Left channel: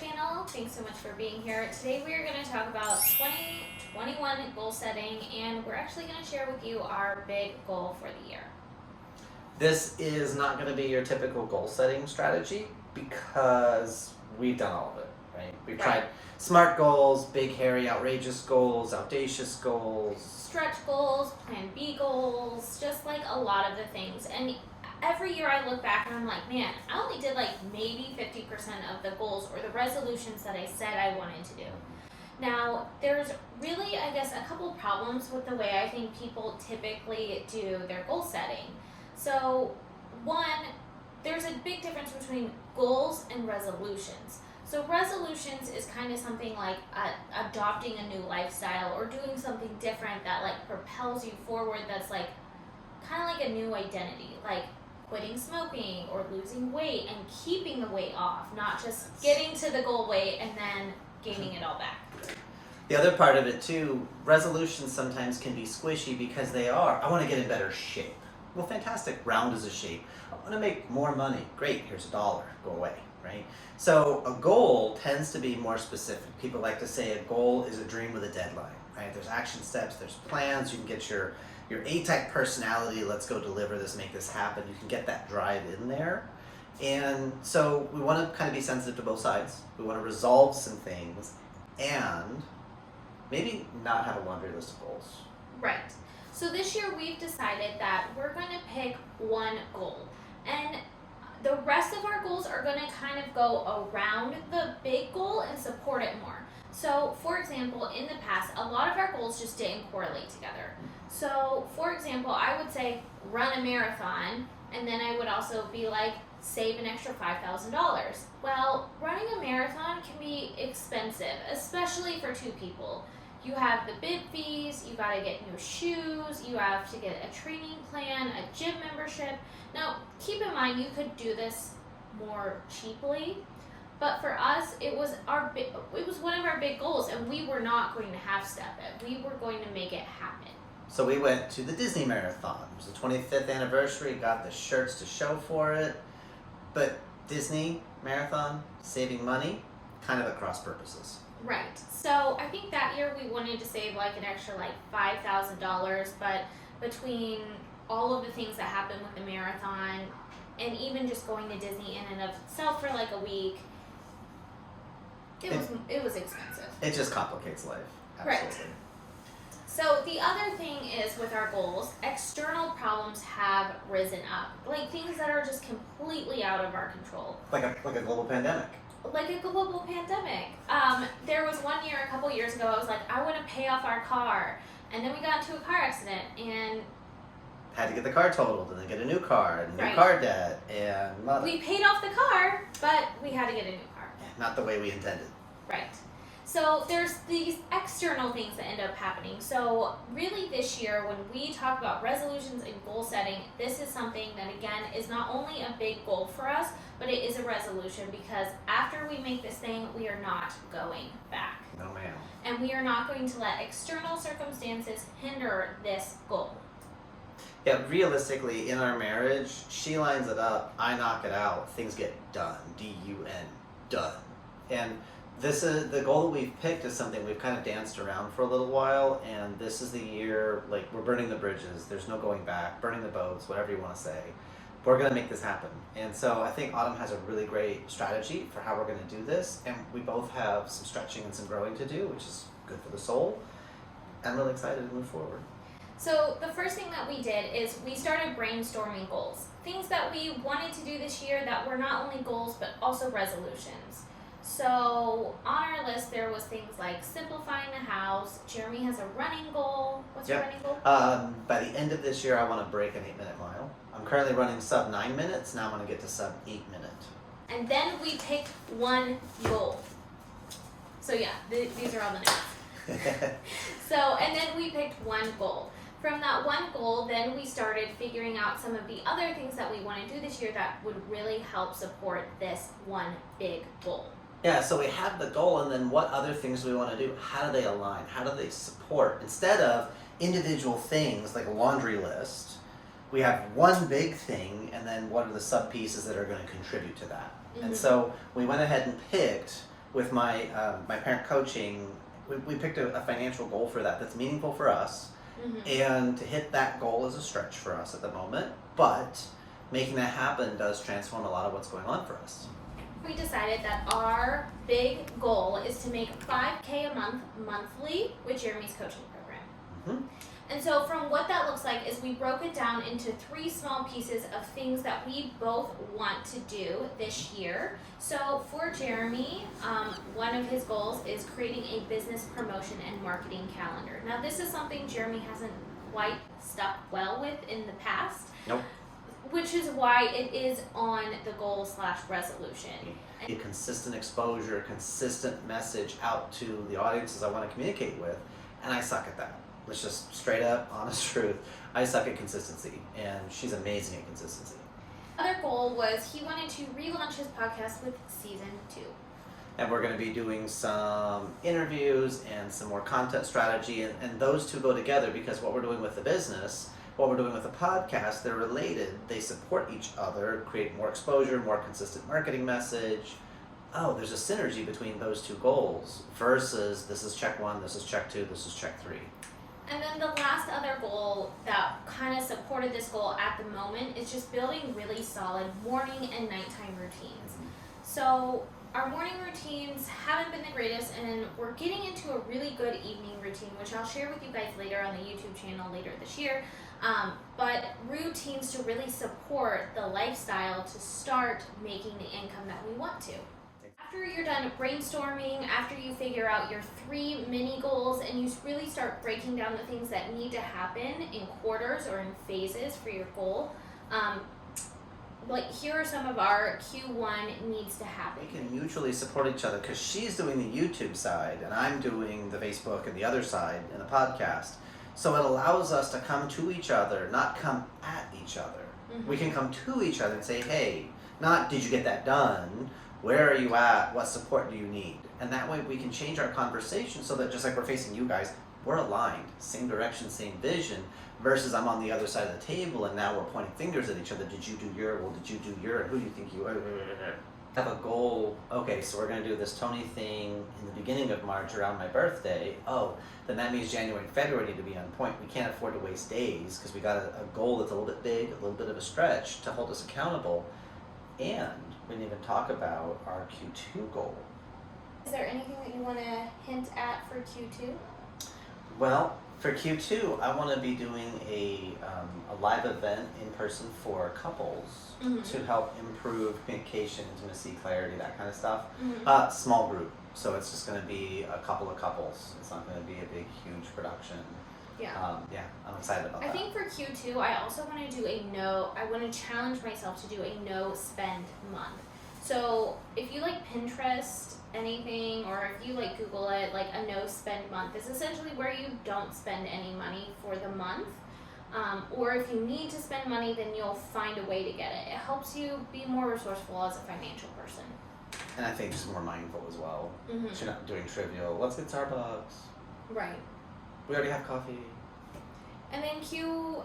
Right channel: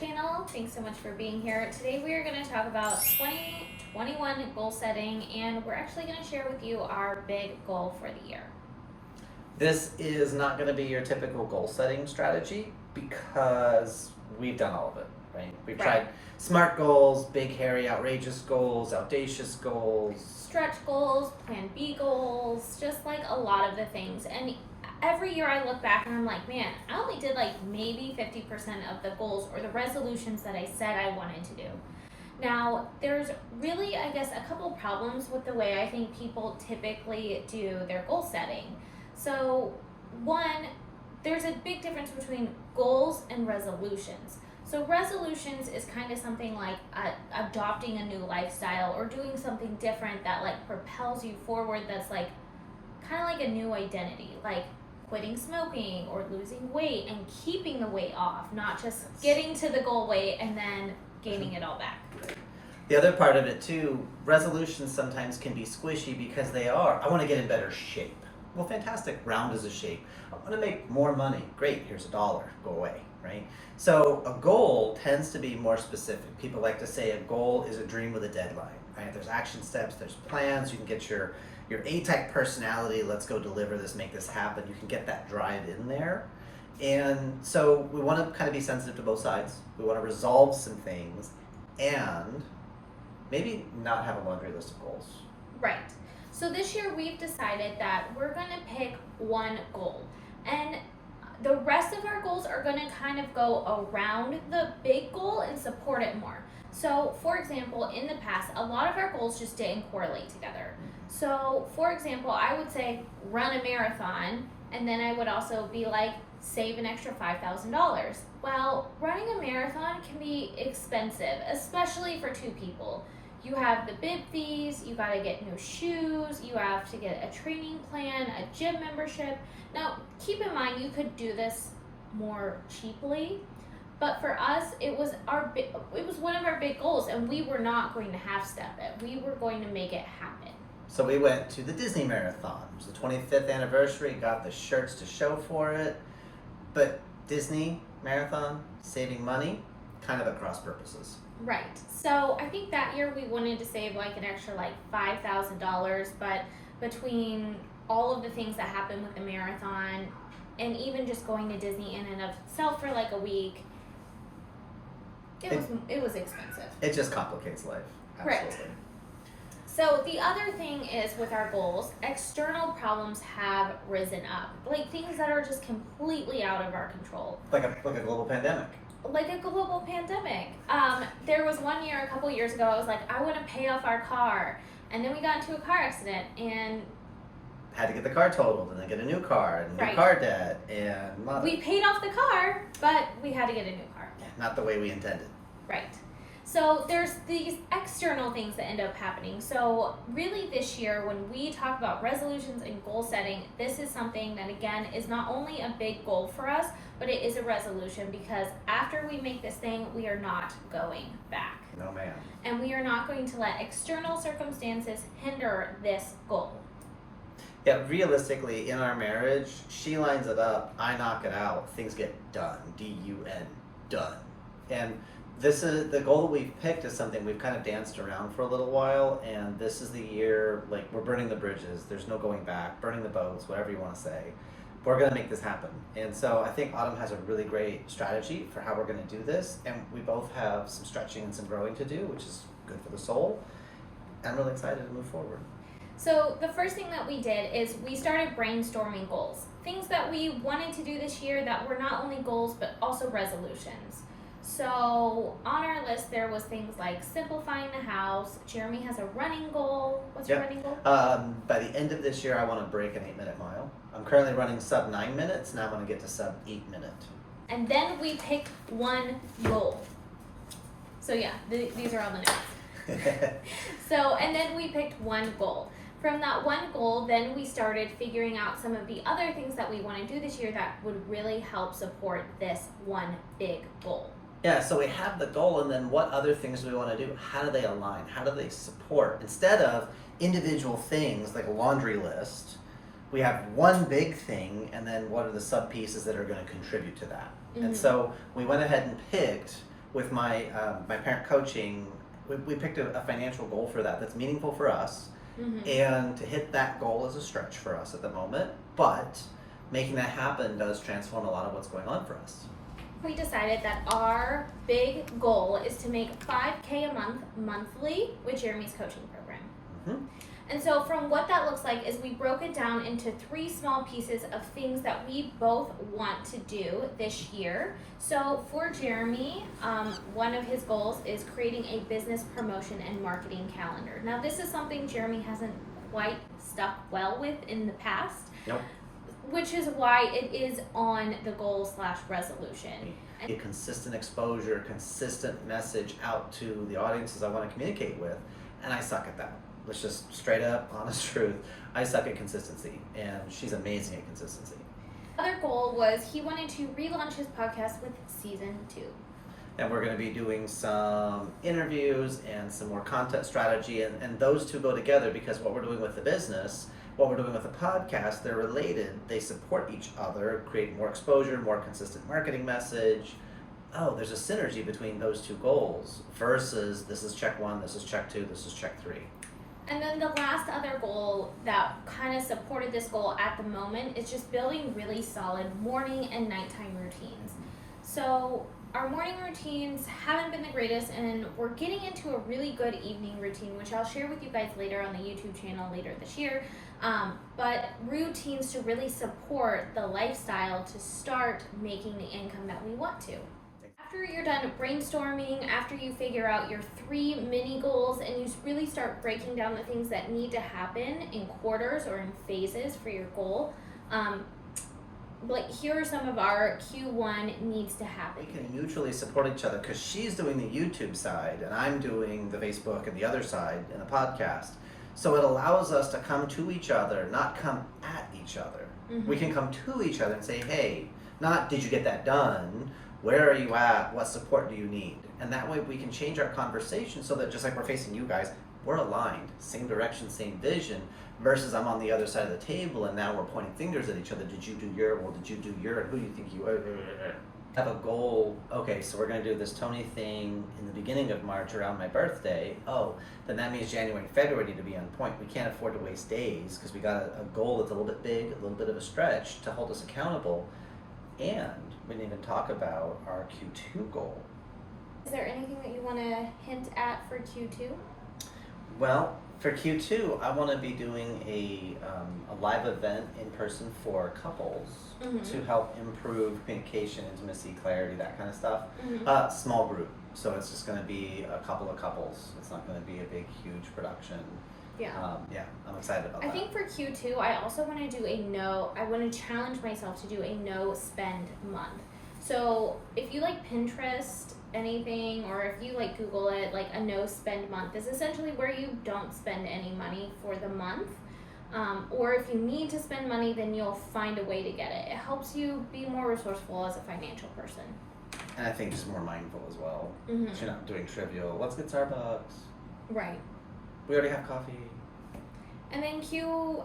Channel. Thanks so much for being here. Today we are going to talk about 2021 goal setting, and we're actually going to share with you our big goal for the year. This is not going to be your typical goal setting strategy because we've done all of it, right? We've tried SMART goals, big, hairy, outrageous goals, audacious goals, stretch goals, plan B goals, just like a lot of the things. And every year I look back and I'm like, man, I only did like maybe 50% of the goals or the resolutions that I said I wanted to do. Now, there's really, I guess, a couple problems with the way I think people typically do their goal setting. So, one, there's a big difference between goals and resolutions. So resolutions is kind of something like adopting a new lifestyle or doing something different that like propels you forward, that's like kind of like a new identity, like quitting smoking or losing weight and keeping the weight off, not just getting to the goal weight and then gaining it all back. The other part of it too, resolutions sometimes can be squishy because they are, I want to get in better shape. Well, fantastic, round is a shape. I want to make more money. Great, here's $1, go away, right? So a goal tends to be more specific. People like to say a goal is a dream with a deadline, right? There's action steps, there's plans, you can get your A-type personality, let's go deliver this, make this happen. You can get that drive in there. And so we want to kind of be sensitive to both sides. We want to resolve some things and maybe not have a laundry list of goals. Right. So this year we've decided that we're going to pick one goal. And the rest of our goals are going to kind of go around the big goal and support it more. So, for example, in the past, a lot of our goals just didn't correlate together. So, for example, I would say run a marathon, and then I would also be like, save an extra $5,000. Well, running a marathon can be expensive, especially for two people. You have the bib fees, you gotta get new shoes, you have to get a training plan, a gym membership. Now, keep in mind, you could do this more cheaply, but for us, it was one of our big goals, and we were not going to half step it. We were going to make it happen. So we went to the Disney Marathon. It was the 25th anniversary, got the shirts to show for it. But Disney Marathon, saving money, kind of at cross purposes. Right. So I think that year we wanted to save like an extra like $5,000, but between all of the things that happened with the marathon and even just going to Disney in and of itself for like a week, it was expensive. It just complicates life. Absolutely. Right. So the other thing is with our goals, external problems have risen up, like things that are just completely out of our control. Like a global pandemic. Like a global pandemic. There was one year, a couple years ago, I was like, I want to pay off our car. And then we got into a car accident and had to get the car totaled and then get a new car and new car debt and we paid off the car, but we had to get a new car. Not the way we intended. Right. So there's these external things that end up happening. So really this year, when we talk about resolutions and goal setting, this is something that, again, is not only a big goal for us, but it is a resolution, because after we make this thing, we are not going back. No, ma'am. And we are not going to let external circumstances hinder this goal. Yeah, realistically, in our marriage, she lines it up, I knock it out, things get done. D-U-N, done. And this is the goal that we've picked is something we've kind of danced around for a little while, and this is the year, like, we're burning the bridges, there's no going back, burning the boats, whatever you want to say. We're going to make this happen. And so I think Autumn has a really great strategy for how we're going to do this, and we both have some stretching and some growing to do, which is good for the soul. I'm really excited to move forward. So the first thing that we did is we started brainstorming goals. Things that we wanted to do this year that were not only goals, but also resolutions. So on our list, there was things like simplifying the house. Jeremy has a running goal. What's your running goal? By the end of this year, I want to break an 8-minute mile. I'm currently running sub 9 minutes. Now I'm going to get to sub 8 minutes. And then we picked one goal. So yeah, these are all the notes. And then we picked one goal. From that one goal, then we started figuring out some of the other things that we want to do this year that would really help support this one big goal. Yeah, so we have the goal, and then what other things do we want to do? How do they align? How do they support? Instead of individual things like a laundry list, we have one big thing, and then what are the sub pieces that are going to contribute to that? Mm-hmm. And so we went ahead and picked with my my parent coaching, we picked a financial goal for that that's meaningful for us, and to hit that goal is a stretch for us at the moment, but making that happen does transform a lot of what's going on for us. We decided that our big goal is to make $5K a month monthly with Jeremy's coaching program. And so from what that looks like is we broke it down into 3 small pieces of things that we both want to do this year. So for Jeremy, one of his goals is creating a business promotion and marketing calendar. Now this is something Jeremy hasn't quite stuck well with in the past. Nope. Which is why it is on the goal/resolution. A consistent exposure, consistent message out to the audiences I want to communicate with, and I suck at that. Let's just straight up, honest truth. I suck at consistency, and she's amazing at consistency. Other goal was he wanted to relaunch his podcast with season 2. And we're going to be doing some interviews and some more content strategy, and those two go together because what we're doing with the business, what we're doing with the podcast, they're related. They support each other, create more exposure, more consistent marketing message. Oh, there's a synergy between those 2 goals versus this is check 1, this is check 2, this is check 3. And then the last other goal that kind of supported this goal at the moment is just building really solid morning and nighttime routines. So our morning routines haven't been the greatest, and we're getting into a really good evening routine, which I'll share with you guys later on the YouTube channel later this year. But routines to really support the lifestyle to start making the income that we want to. After you're done brainstorming, after you figure out your 3 mini goals and you really start breaking down the things that need to happen in quarters or in phases for your goal, like here are some of our Q1 needs to happen. We can mutually support each other because she's doing the YouTube side and I'm doing the Facebook and the other side and the podcast. So it allows us to come to each other, not come at each other. We can come to each other and say, hey, not did you get that done? Where are you at? What support do you need? And that way we can change our conversation so that just like we're facing you guys, we're aligned, same direction, same vision, versus I'm on the other side of the table and now we're pointing fingers at each other. Did you do your, well, did you do your, who do you think you are? Have a goal. Okay, so we're going to do this Tony thing in the beginning of March around my birthday. Oh, then that means January and February need to be on point. We can't afford to waste days because we got a goal that's a little bit big, a little bit of a stretch to hold us accountable. And we didn't even talk about our Q2 goal. Is there anything that you want to hint at for Q2? Well, for Q2, I want to be doing a live event in person for couples to help improve communication, intimacy, clarity, that kind of stuff. Small group, so it's just going to be a couple of couples. It's not going to be a big, huge production. Yeah. I'm excited about that. I think for Q2, I also want to do I want to challenge myself to do a no spend month. So if you like Pinterest, anything, or if you like Google it, like a no spend month is essentially where you don't spend any money for the month. Or if you need to spend money, then you'll find a way to get it. It helps you be more resourceful as a financial person. And I think just more mindful as well. So you're not doing trivial, let's get Starbucks. Right. We already have coffee. And then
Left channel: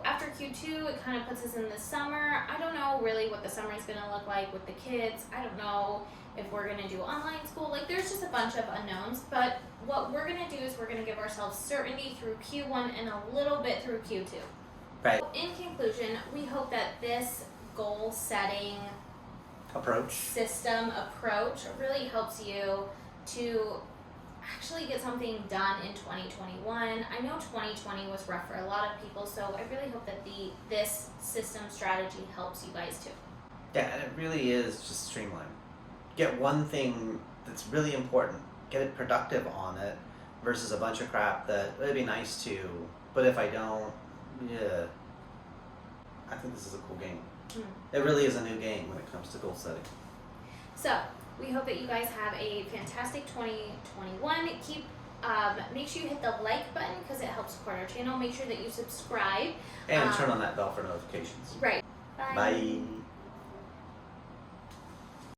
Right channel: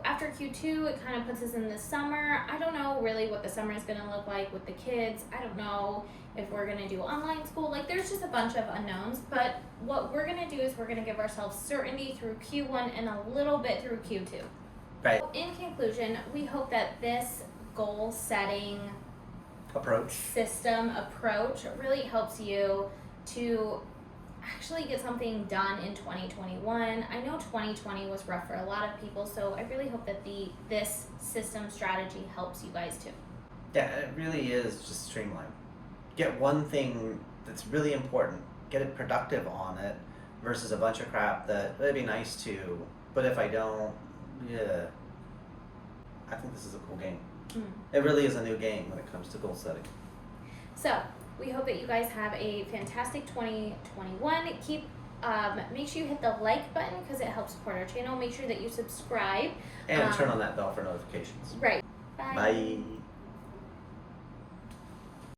after Q2, it kind of puts us in the summer. I don't know really what the summer is going to look like with the kids. I don't know if we're going to do online school. Like, there's just a bunch of unknowns. But what we're going to do is we're going to give ourselves certainty through Q1 and a little bit through Q2. Right. In conclusion, we hope that this goal setting approach really helps you to actually get something done in 2021. I know 2020 was rough for a lot of people, so I really hope that this system strategy helps you guys too. Yeah, it really is just streamline. Get one thing that's really important, get it productive on it, versus a bunch of crap that it'd be nice to, but if I don't, I think this is a cool game. It really is a new game when it comes to goal setting. So, we hope that you guys have a fantastic 2021. Make sure you hit the like button because it helps support our channel. Make sure that you subscribe. And turn on that bell for notifications. Right. Bye.